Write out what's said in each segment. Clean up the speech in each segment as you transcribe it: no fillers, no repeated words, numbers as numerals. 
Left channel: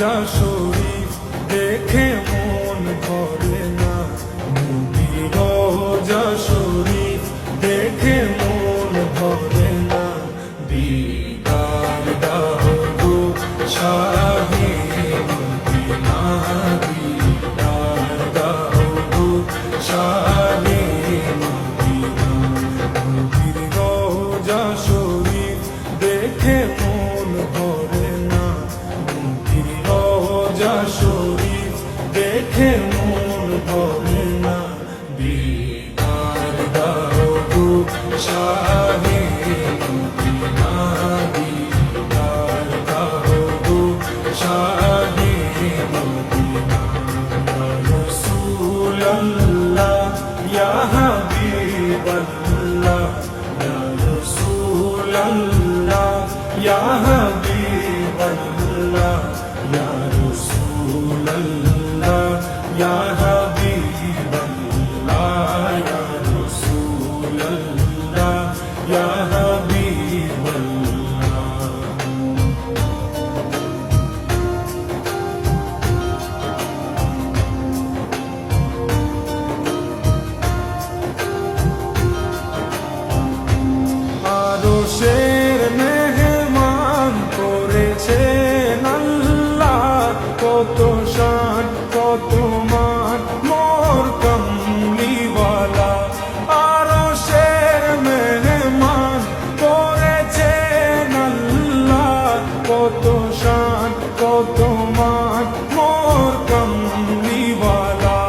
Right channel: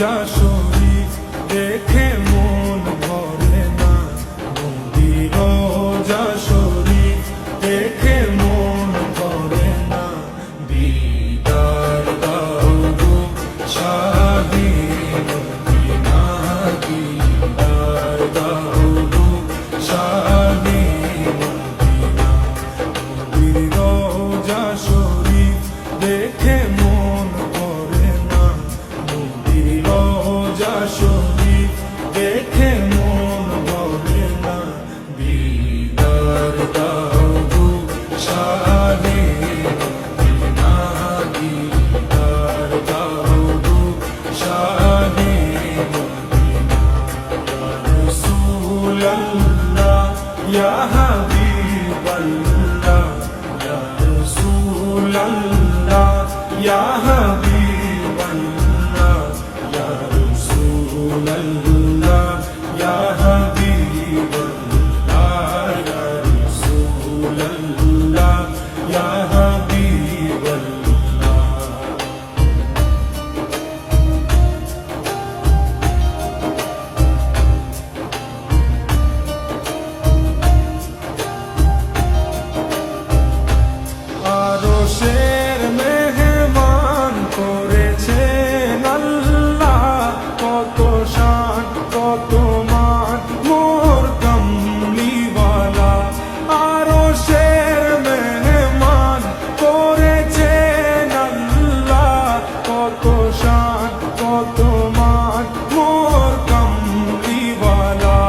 রোজা শরীফ দেখে মন ভরে না, নবীর রোজা শরীফ দেখে মন ভরে না। দিদার দাও গো শাহে মদিনা, দিদার দাও গো শাহে মদিনা। নবীর রোজা শরীফ দেখে মন ভরে না, নবীর রোজা শরীফ দেখে মন ভরে না। দিদার দাও গো শাহে মদিনা, দিদার দাও গো শাহে মদিনা। ইয়া রাসূলাল্লাহ ইয়া হাবিবাল্লাহ, ইয়া রাসূলাল্লাহ ইয়া হাবিবাল্লাহ, ইয়া রাসূলাল্লাহ ইয়া হাবিবাল্লাহ, ইয়া রাসূলাল্লাহ ইয়া হাবিবাল্লাহ। আরশের মেহমান করেছেন আল্লাহ, কত শান কত মান মোর কমলিওয়ালা। আরশের মেহমান করেছেন আল্লাহ, কত শান কত মান মোর কমলিওয়ালা,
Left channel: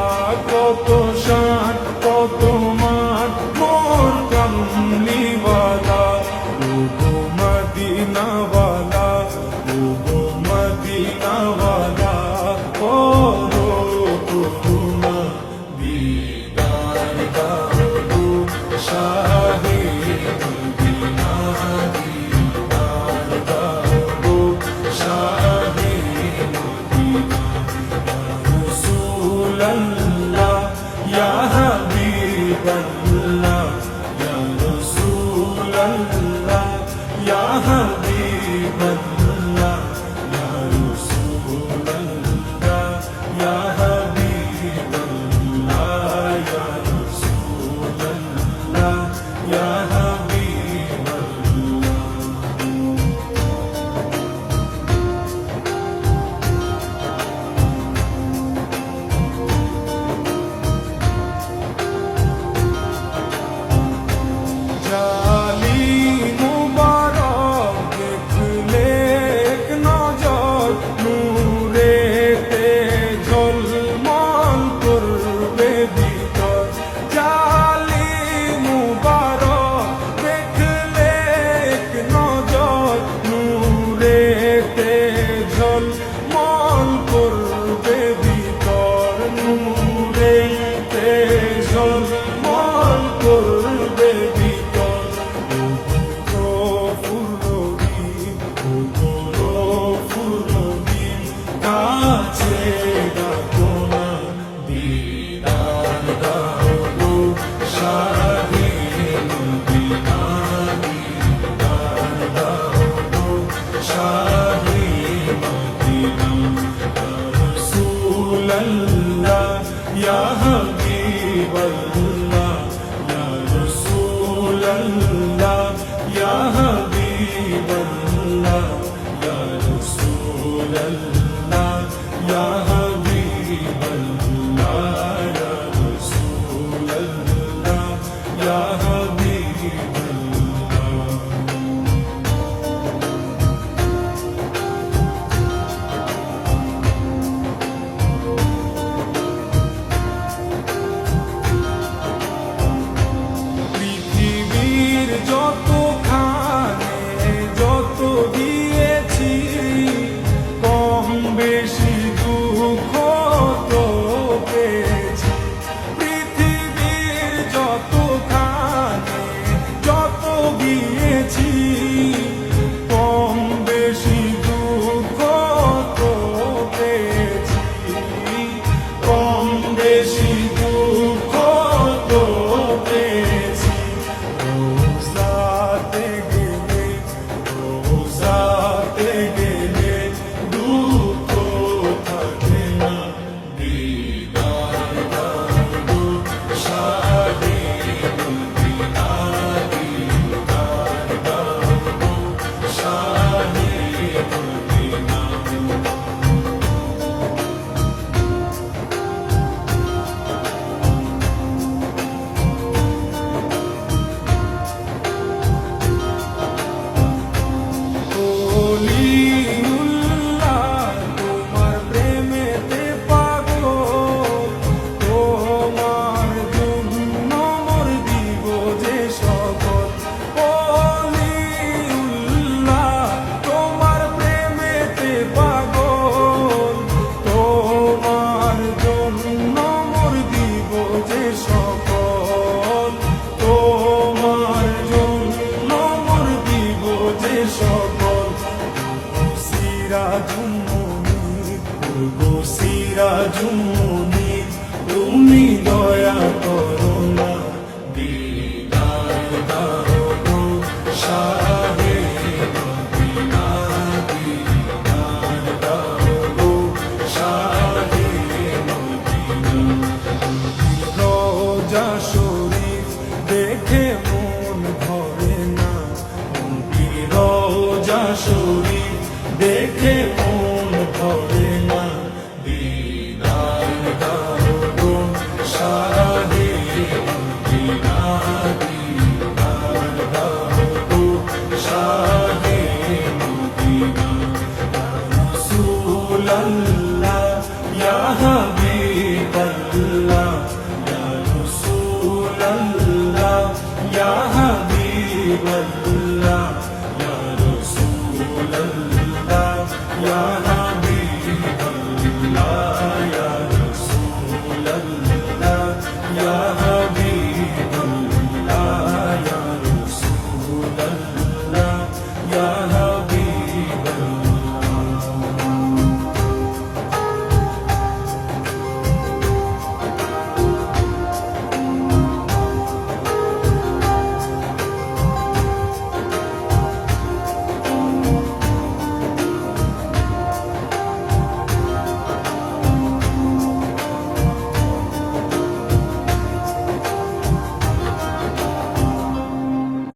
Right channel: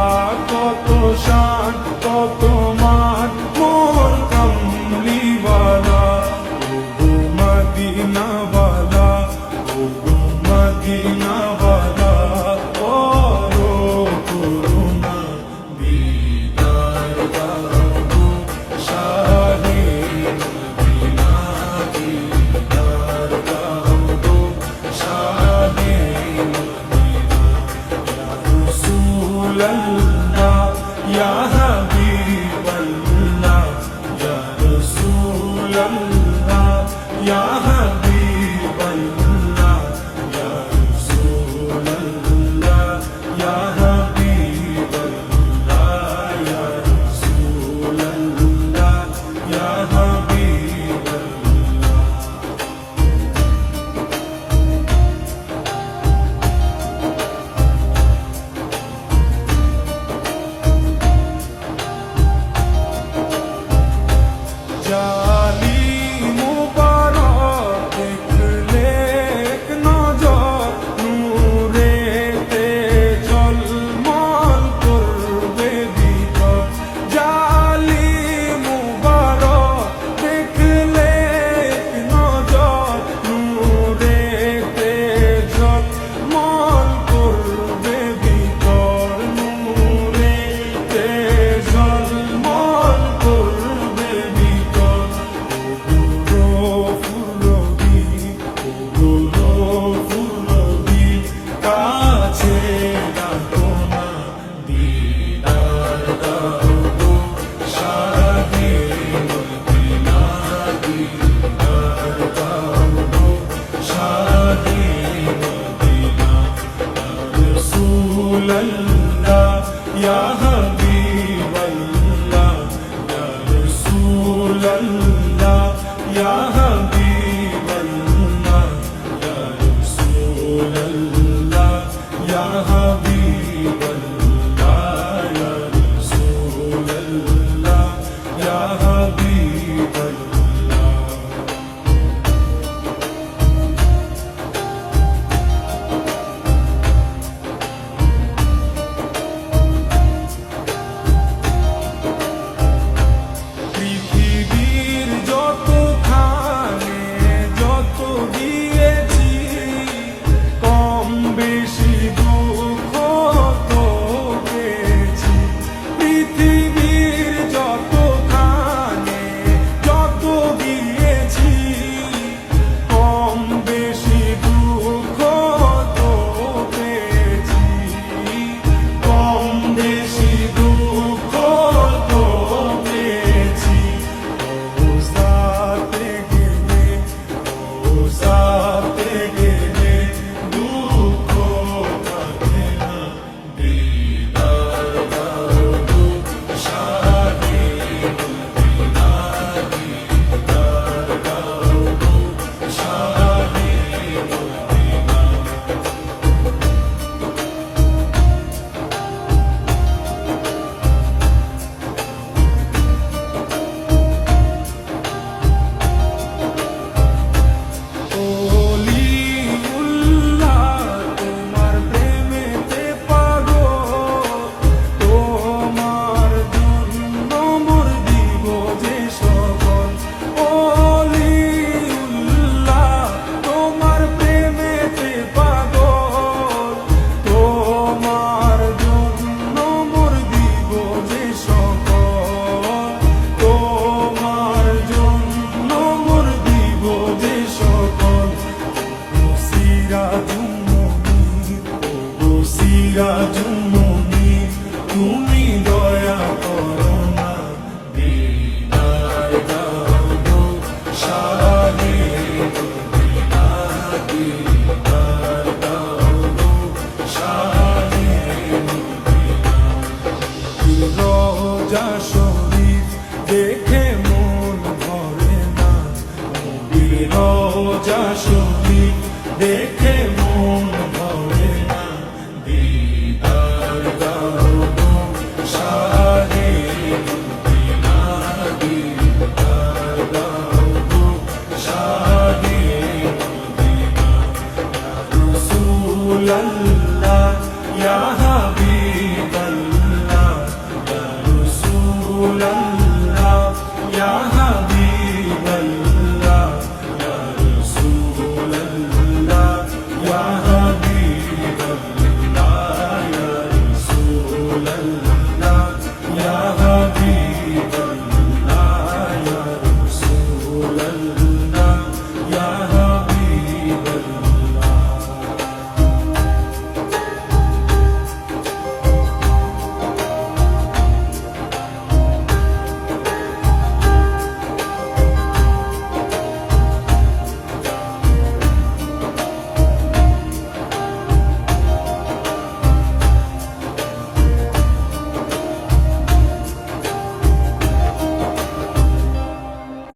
কত শান কত মান মোর কমলিওয়ালা। ওগো মদিনাওয়ালা, ওগো মদিনাওয়ালা, করো করুণা। দিদার দাও গো শাহে মদিনা, দিদার দাও গো শাহে মদিনা। ইয়া রাসূলাল্লাহ ইয়া হাবিবাল্লাহ, ইয়া রাসূলাল্লাহ ইয়া হাবিবাল্লাহ, ইয়া রাসূলাল্লাহ ইয়া হাবিবাল্লাহ, ইয়া রাসূলাল্লাহ ইয়া হাবিবাল্লাহ। জালি মুবারক দেখলে এক নজর, নূরেতে ঝলমল করবে ভিতর। জালি মুবারক দেখলে এক নজর, নূরেতে ঝলমল করবে ভিতর, নূরেতে ঝলমল করবে ভিতর। ওগো গফুর রহিম, ওগো গফুর রহিম, কাছে ডাকো না। দিদার দাও গো শাহে মদিনা, দিদার দাও গো শাহে মদিনা। ইয়া রাসূলাল্লাহ ইয়া হাবিবাল্লাহ, ইয়া রাসূলাল্লাহ ইয়া হাবিবাল্লাহ, ইয়া রাসূলাল্লাহ ইয়া হাবিবাল্লাহ, ইয়া রাসূলাল্লাহ ইয়া হাবিবাল্লাহ। পৃথিবীর যতখানে যত দিয়েছি, কম বেশি দুঃখ শরীফ দেখে